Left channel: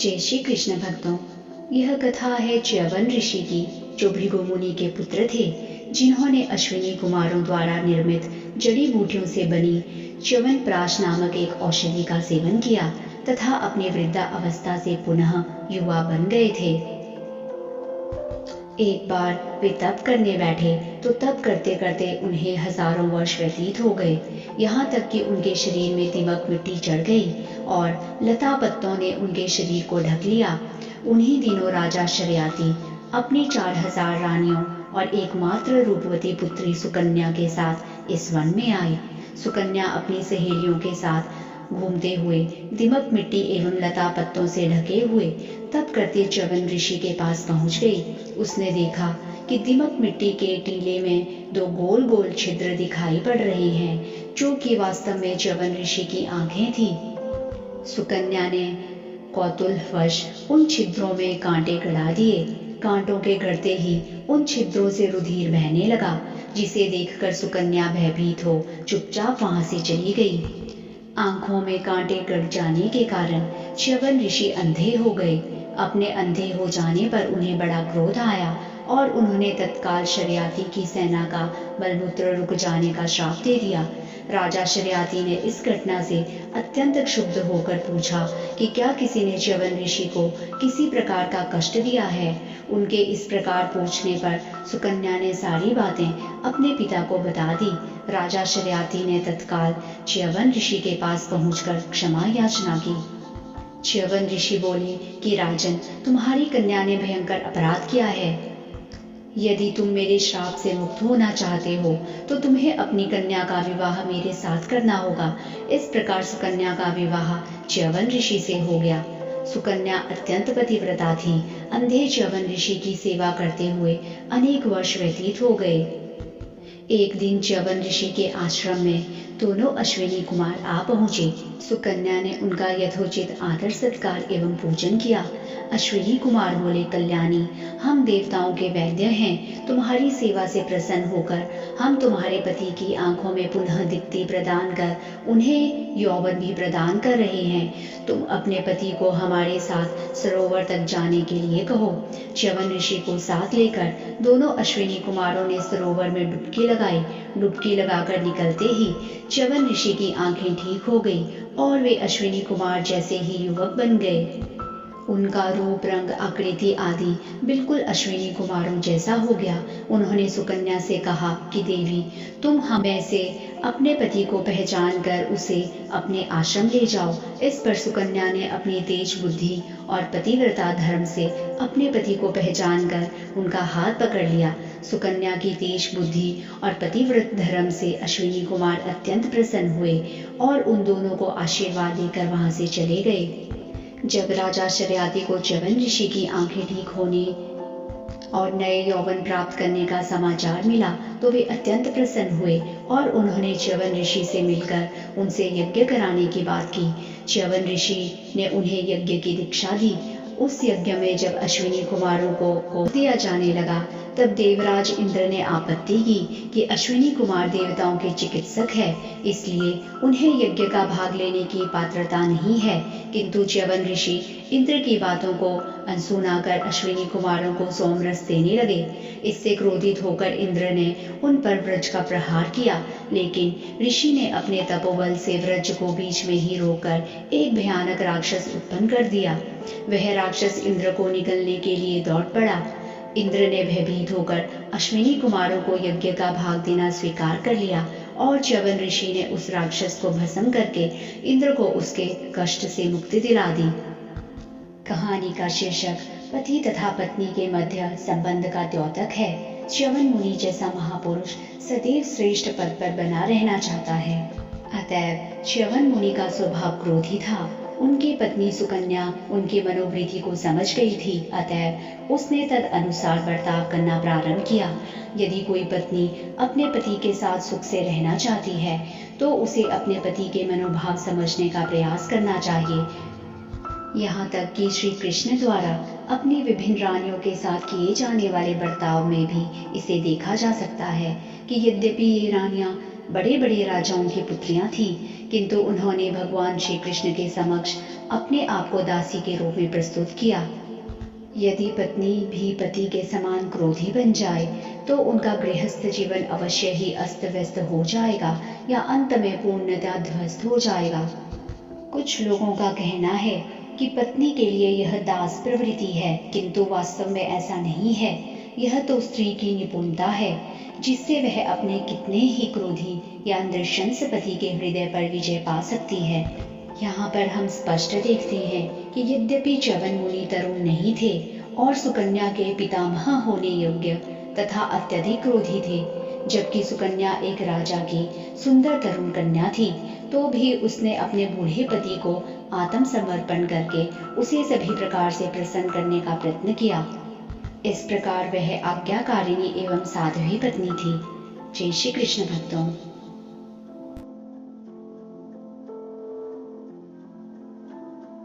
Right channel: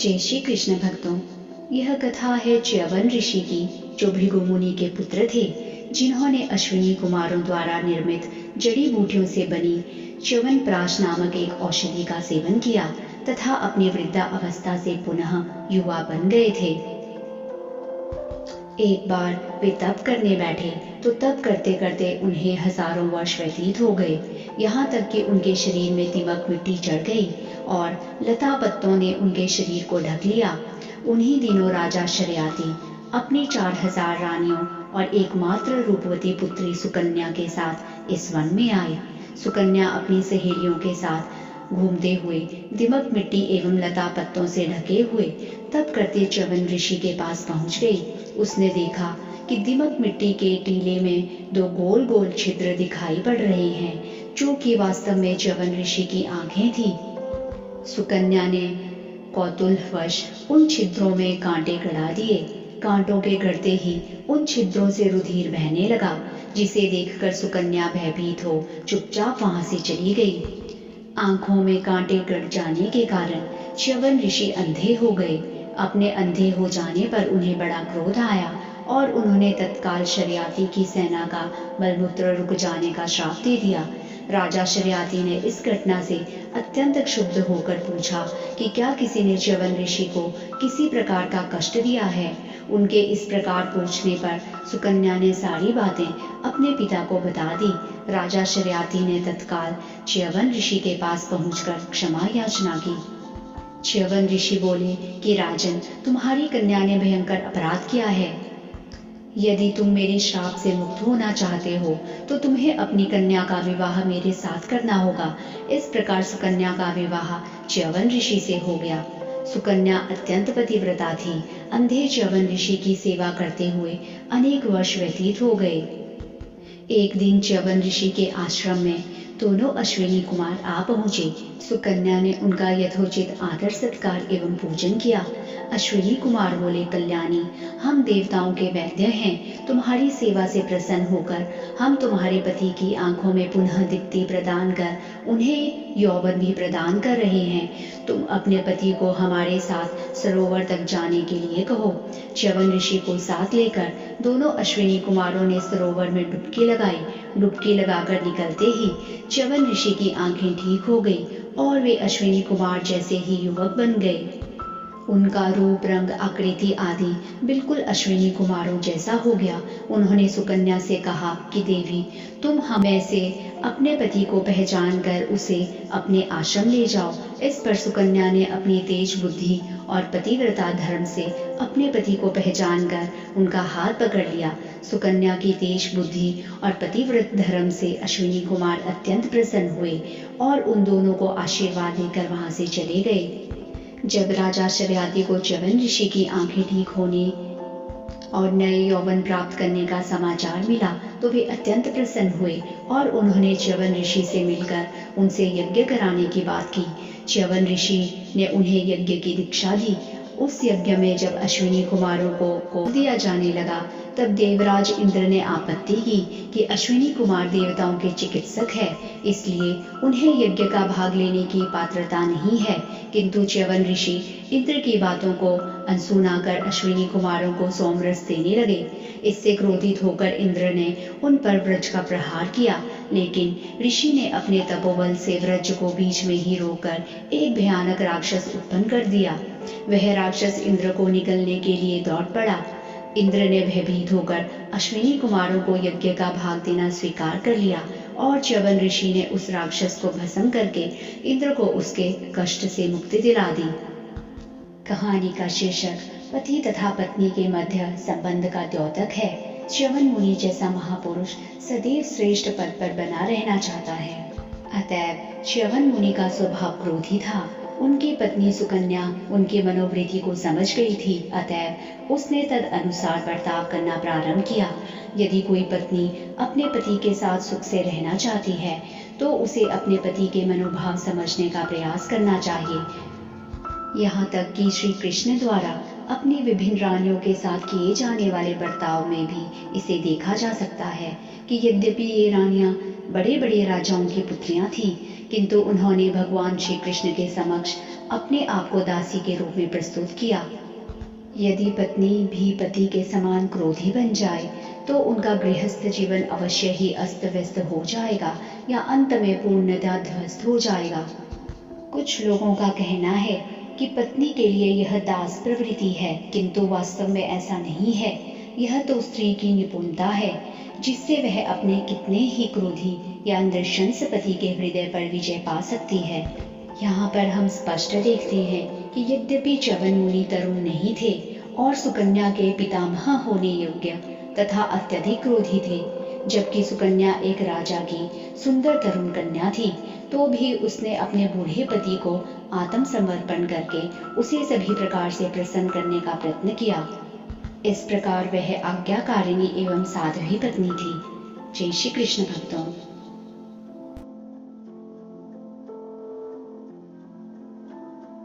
जय श्री कृष्ण भक्तों, यह कथा है च्यवन ऋषि की, जो भृगु मुनि के पुत्र थे, जिन्होंने अश्विनी कुमारों द्वारा निर्मित जड़ी बूटियों से बनी च्यवनप्राश नामक एक औषधि का सेवन किया तथा अपनी वृद्धा अवस्था से पुनः युवा बन गए थे। एक बार वे तप करने बैठे तो तप करते करते उन्हें हजारों वर्ष व्यतीत हो गए, यहाँ तक कि उनके शरीर में दीमक मिट्टी चढ़ गई और लता पत्तों ने उनके शरीर को ढक लिया। उन्हीं दिनों राजा शर्याती अपनी 4000 रानियों और एकमात्र रूपवती पुत्री सुकन्या के साथ इस वन में आई। सुकन्या अपनी सहेलियों के साथ घूमते हुए दीमक मिट्टी एवं लता पत्तों से ढके हुए तप करते च्यवन ऋषि के पास पहुंच गई। उसने देखा कि दीमक मिट्टी के टीले में 2 गोल गोल छिद्र दिखाई पड़ रहे हैं, जो कि वास्तव में च्यवन ऋषि की आंखें थी। सुकन्या ने कौतूहलवश उन छिद्रों में कांटे गड़ा दिए। कांटों के गड़ते ही उन छिद्रों से रुधिर बहने लगा, जिसे देखकर सुकन्या भयभीत हो चुपचाप वहां से चली गई। आंखों में कांटे गड़ जाने के कारण च्यवन ऋषि अंधे हो गए। अपने अंधे हो जाने पर उन्हें बड़ा क्रोध आया और उन्होंने तत्काल शर्याती की सेना का मलमूत्र रुक जाने का श्राप दे दिया। राजा शर्याती ने इस घटना से अत्यंत क्षुब्ध होकर पूछा कि क्या किसी ने च्यवन ऋषि को किसी प्रकार का कष्ट दिया है। उनके इस प्रकार पूछने पर सुकन्या ने सारी बातें अपने पिता को बता दी। राजा शर्याती ने तत्काल च्यवन ऋषि के पास पहुंचकर क्षमा याचना की। च्यवन ऋषि बोले कि राजन, तुम्हारी कन्या ने भयंकर अपराध किया है। यदि तुम मेरे श्राप से मुक्त होना चाहते हो तो तुम्हें अपनी कन्या का विवाह मेरे साथ करना होगा। इस प्रकार सुकन्या का विवाह च्यवन ऋषि से हो गया। सुकन्या अत्यंत पतिव्रता थी। अंधे च्यवन ऋषि की सेवा करते हुए अनेक वर्ष व्यतीत हो गए। एक दिन च्यवन ऋषि के आश्रम में दोनों अश्विनी कुमार आ पहुंचे। सुकन्या ने उनका यथोचित आदर सत्कार एवं पूजन किया। अश्विनी कुमार बोले, कल्याणी, हम देवताओं के वैद्य हैं। तुम्हारी सेवा से प्रसन्न होकर हम तुम्हारे पति की आंखों में पुनः दीप्ति प्रदान कर उन्हें यौवन भी प्रदान कर रहे हैं। तुम अपने पति को हमारे साथ सरोवर तक जाने के लिए कहो। च्यवन ऋषि को साथ लेकर दोनों अश्विनी कुमारों ने सरोवर में डुबकी लगाई। डुबकी लगाकर निकलते ही च्यवन ऋषि की आंखें ठीक हो गई और वे अश्विनी कुमार जैसे ही युवक बन गए। उनका रूप, रंग, आकृति आदि बिल्कुल अश्विनी कुमारों जैसा हो गया। उन्होंने सुकन्या से कहा कि देवी, तुम हमें से अपने पति को पहचान कर उसे अपने आश्रम ले जाओ। इस पर सुकन्या ने अपनी तेज बुद्धि और पतिव्रता धर्म से अपने पति को पहचान कर उनका हाथ पकड़ लिया। सुकन्या की तेज बुद्धि और पतिव्रत धर्म से अश्विनी कुमार अत्यंत प्रसन्न हुए और उन दोनों को आशीर्वाद देकर वहां से चले गए। जब राजा शर्याती को च्यवन ऋषि की आंखें ठीक होने और नए यौवन प्राप्त करने का समाचार मिला तो वे अत्यंत प्रसन्न हुए और उन्होंने च्यवन ऋषि से मिलकर उनसे यज्ञ कराने की बात की। च्यवन ऋषि ने उन्हें यज्ञ की दीक्षा दी। उस यज्ञ में जब अश्विनी कुमारों को दिया जाने लगा तब देवराज इंद्र ने आपत्ति की कि अश्विनी कुमार देवताओं के चिकित्सक है, इसलिए उन्हें यज्ञ का भाग लेने की पात्रता नहीं है। किंतु च्यवन ऋषि इंद्र की बातों को अनसुना कर अश्विनी कुमारों को सोमरस देने लगे। इससे क्रोधित होकर इंद्र ने उन पर वज्र का प्रहार किया, लेकिन ऋषि ने अपने तपोबल से वज्र को बीच में ही रोककर एक भयानक राक्षस उत्पन्न कर दिया। वह राक्षस इंद्र को निगलने के लिए दौड़ पड़ा। इंद्र ने भयभीत होकर अश्विनी कुमारों को यज्ञ का भाग देना स्वीकार कर लिया और च्यवन ऋषि ने उस राक्षस को भस्म करके इंद्र को उसके कष्ट से मुक्ति दिला दी। कहानी का शीर्षक पति तथा पत्नी के मध्य संबंध का द्योतक है। च्यवन मुनि जैसा महापुरुष सदैव श्रेष्ठ पद पर बना रहना चाहता है। अतएव च्यवन मुनि का स्वभाव क्रोधी था। उनकी पत्नी सुकन्या उनकी मनोवृत्ति को समझ गई थी, अतएव उसने तद अनुसार बर्ताव करना प्रारंभ किया। यदि कोई पत्नी अपने पति के साथ सुख से रहना चाहती है तो उसे अपने पति के मनोभाव समझने का प्रयास करना चाहिए। यहाँ तक कि श्री कृष्ण द्वारा अपनी विभिन्न रानियों के साथ किए जाने वाले बर्ताव में भी इसे देखा जा सकता है कि यद्यपि ये रानियां बड़े बड़े राजाओं की पुत्रियां थीं, किंतु उन्होंने भगवान श्री कृष्ण के समक्ष अपने आप को दासी के रूप में प्रस्तुत किया। यदि पत्नी भी पति के समान क्रोधी बन जाए तो उनका गृहस्थ जीवन अवश्य ही अस्त व्यस्त हो जाएगा या अंत में पूर्णतः ध्वस्त हो जाएगा। कुछ लोगों का कहना है कि पत्नी के लिए यह दास प्रवृत्ति है, किंतु वास्तव में ऐसा नहीं है। यह तो स्त्री की निपुणता है जिससे वह अपने कितने ही क्रोधी या नृशंस पति के हृदय पर विजय पा सकती है। यहाँ पर हम स्पष्ट देखते हैं कि यद्यपि च्यवन मुनि तरुण नहीं थे और सुकन्या के पितामह होने योग्य तथा अत्यधिक क्रोधी थे, जबकि सुकन्या एक राजा की सुंदर तरुण कन्या थी, तो भी उसने अपने बूढ़े पति को आत्मसमर्पण करके उसे सभी प्रकार से प्रसन्न करने का प्रयत्न किया। इस प्रकार वह आज्ञाकारिणी एवं साध्वी पत्नी थी। जय श्री कृष्ण भक्तों।